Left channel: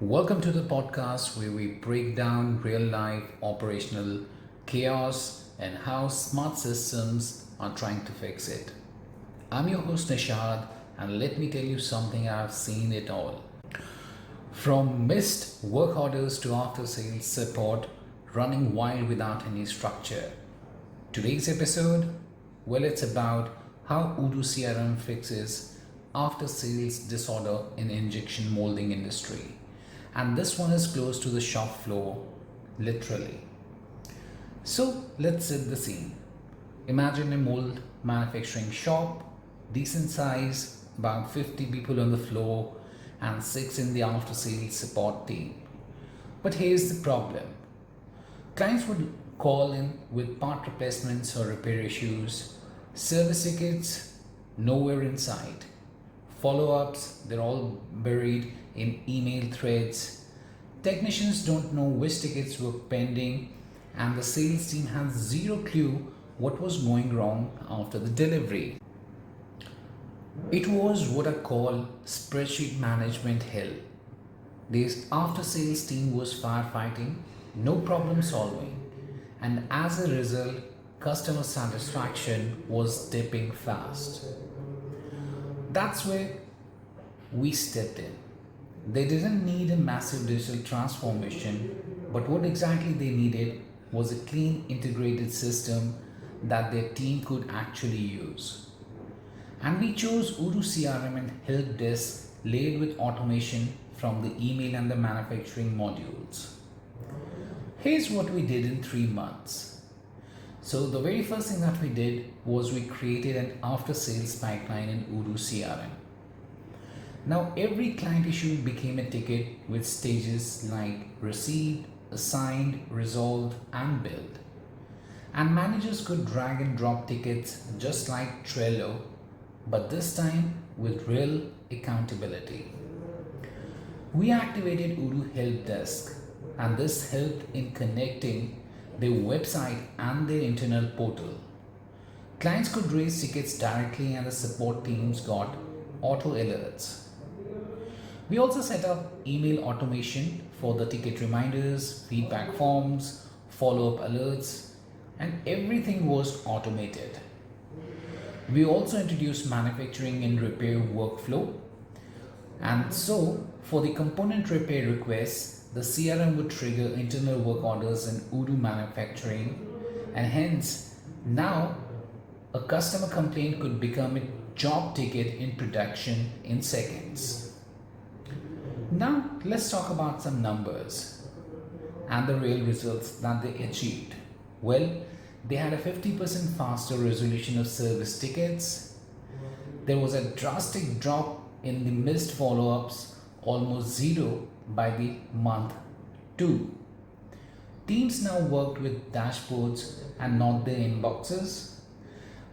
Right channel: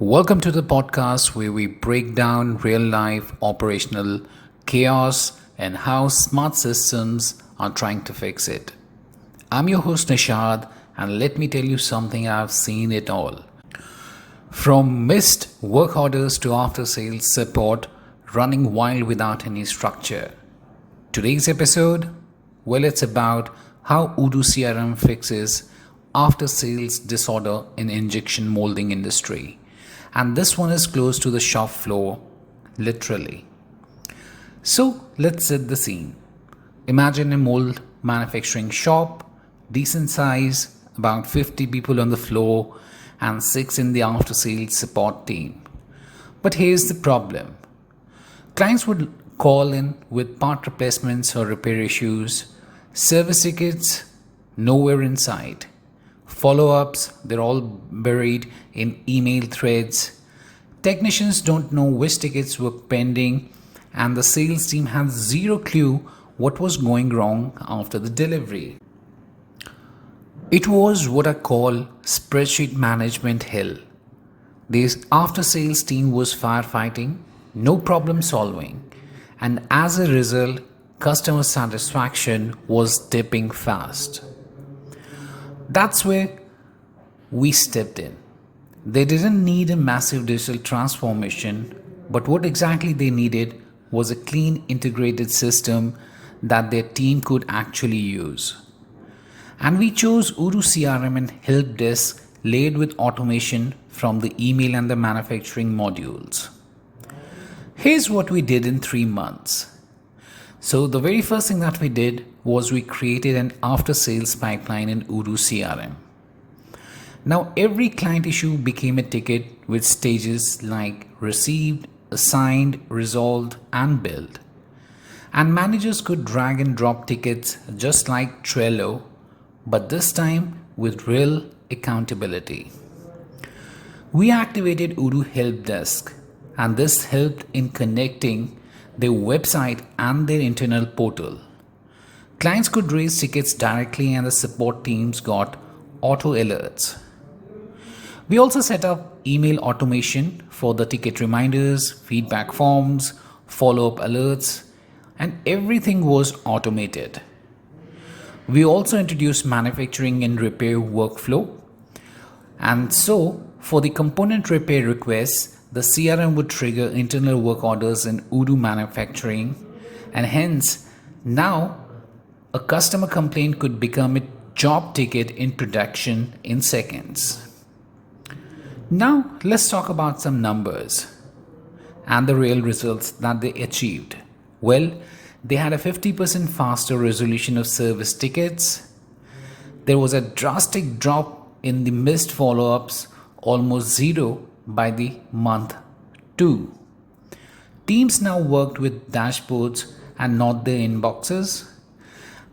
Welcome to the podcast where we break down real life operational chaos and how smart systems are trying to fix it. I'm your host Nishad, and let me tell you something. I've seen it all. From missed work orders to after sales support running wild without any structure. Today's episode, well, it's about how Odoo CRM fixes after sales disorder in injection molding industry. And this one is close to the shop floor, literally. So let's set the scene. Imagine a mold manufacturing shop, decent size, about 50 people on the floor, and 6 in the after sales support team. But here's the problem. Clients would call in with part replacements or repair issues, service tickets nowhere in sight. Follow ups, they're all buried in email threads. Technicians don't know which tickets were pending, and the sales team has zero clue what was going wrong after the delivery. It was what I call spreadsheet management hell. This after sales team was firefighting, no problem solving, and as a result, customer satisfaction was dipping fast. That's where we stepped in. They didn't need a massive digital transformation, but what exactly they needed was a clean, integrated system that their team could actually use. And we chose Odoo CRM and Helpdesk laid with automation from the email and the manufacturing modules. Here's what we did in 3 months. So the very first thing that we did was we created an after sales pipeline in Odoo CRM. Now every client issue became a ticket with stages like received, assigned, resolved, and billed. And managers could drag and drop tickets just like Trello, but this time with real accountability. We activated Odoo Helpdesk, and this helped in connecting their website and their internal portal. Clients could raise tickets directly, and the support teams got auto alerts. We also set up email automation for the ticket reminders, feedback forms, follow-up alerts, and everything was automated. We also introduced manufacturing and repair workflow. And so, for the component repair requests, the CRM would trigger internal work orders in Odoo manufacturing, and hence, now a customer complaint could become a job ticket in production in seconds. Now, let's talk about some numbers and the real results that they achieved. Well, they had a 50% faster resolution of service tickets. There was a drastic drop in the missed follow-ups, almost zero by the month 2. Teams now worked with dashboards and not their inboxes.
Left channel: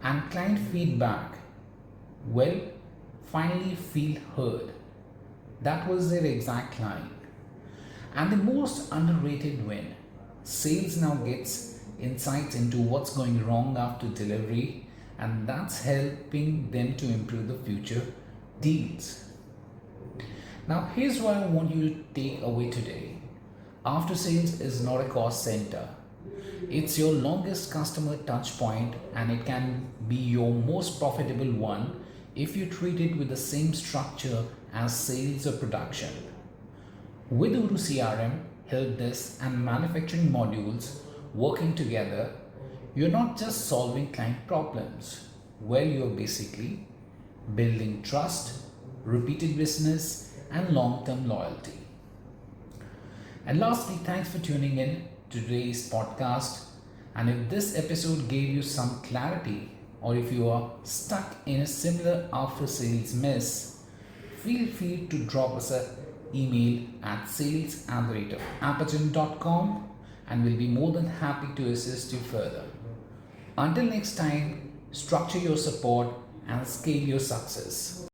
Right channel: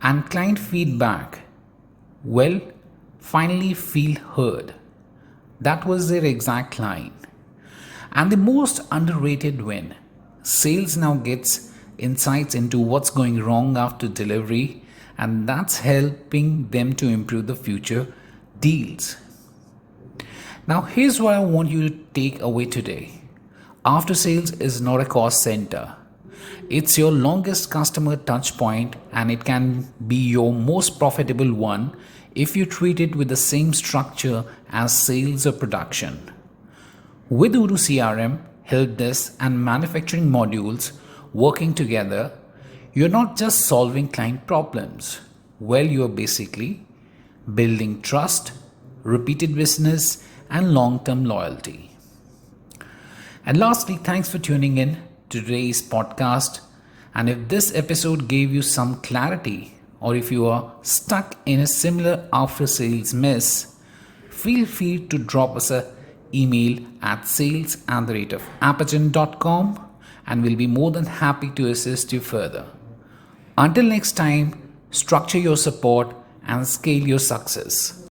And client feedback, well, finally feel heard. That was their exact line. And the most underrated win, sales now gets insights into what's going wrong after delivery, and that's helping them to improve the future deals. Now, here's what I want you to take away today. After sales is not a cost center. It's your longest customer touch point, and it can be your most profitable one if you treat it with the same structure as sales or production. With Odoo CRM, Helpdesk, and manufacturing modules working together, you're not just solving client problems. Well, you're basically building trust, repeated business, and long-term loyalty. And lastly, thanks for tuning in to today's podcast. And if this episode gave you some clarity, or if you are stuck in a similar after sales mess, feel free to drop us an email at sales@apagen.com, and we'll be more than happy to assist you further. Until next time, structure your support and scale your success.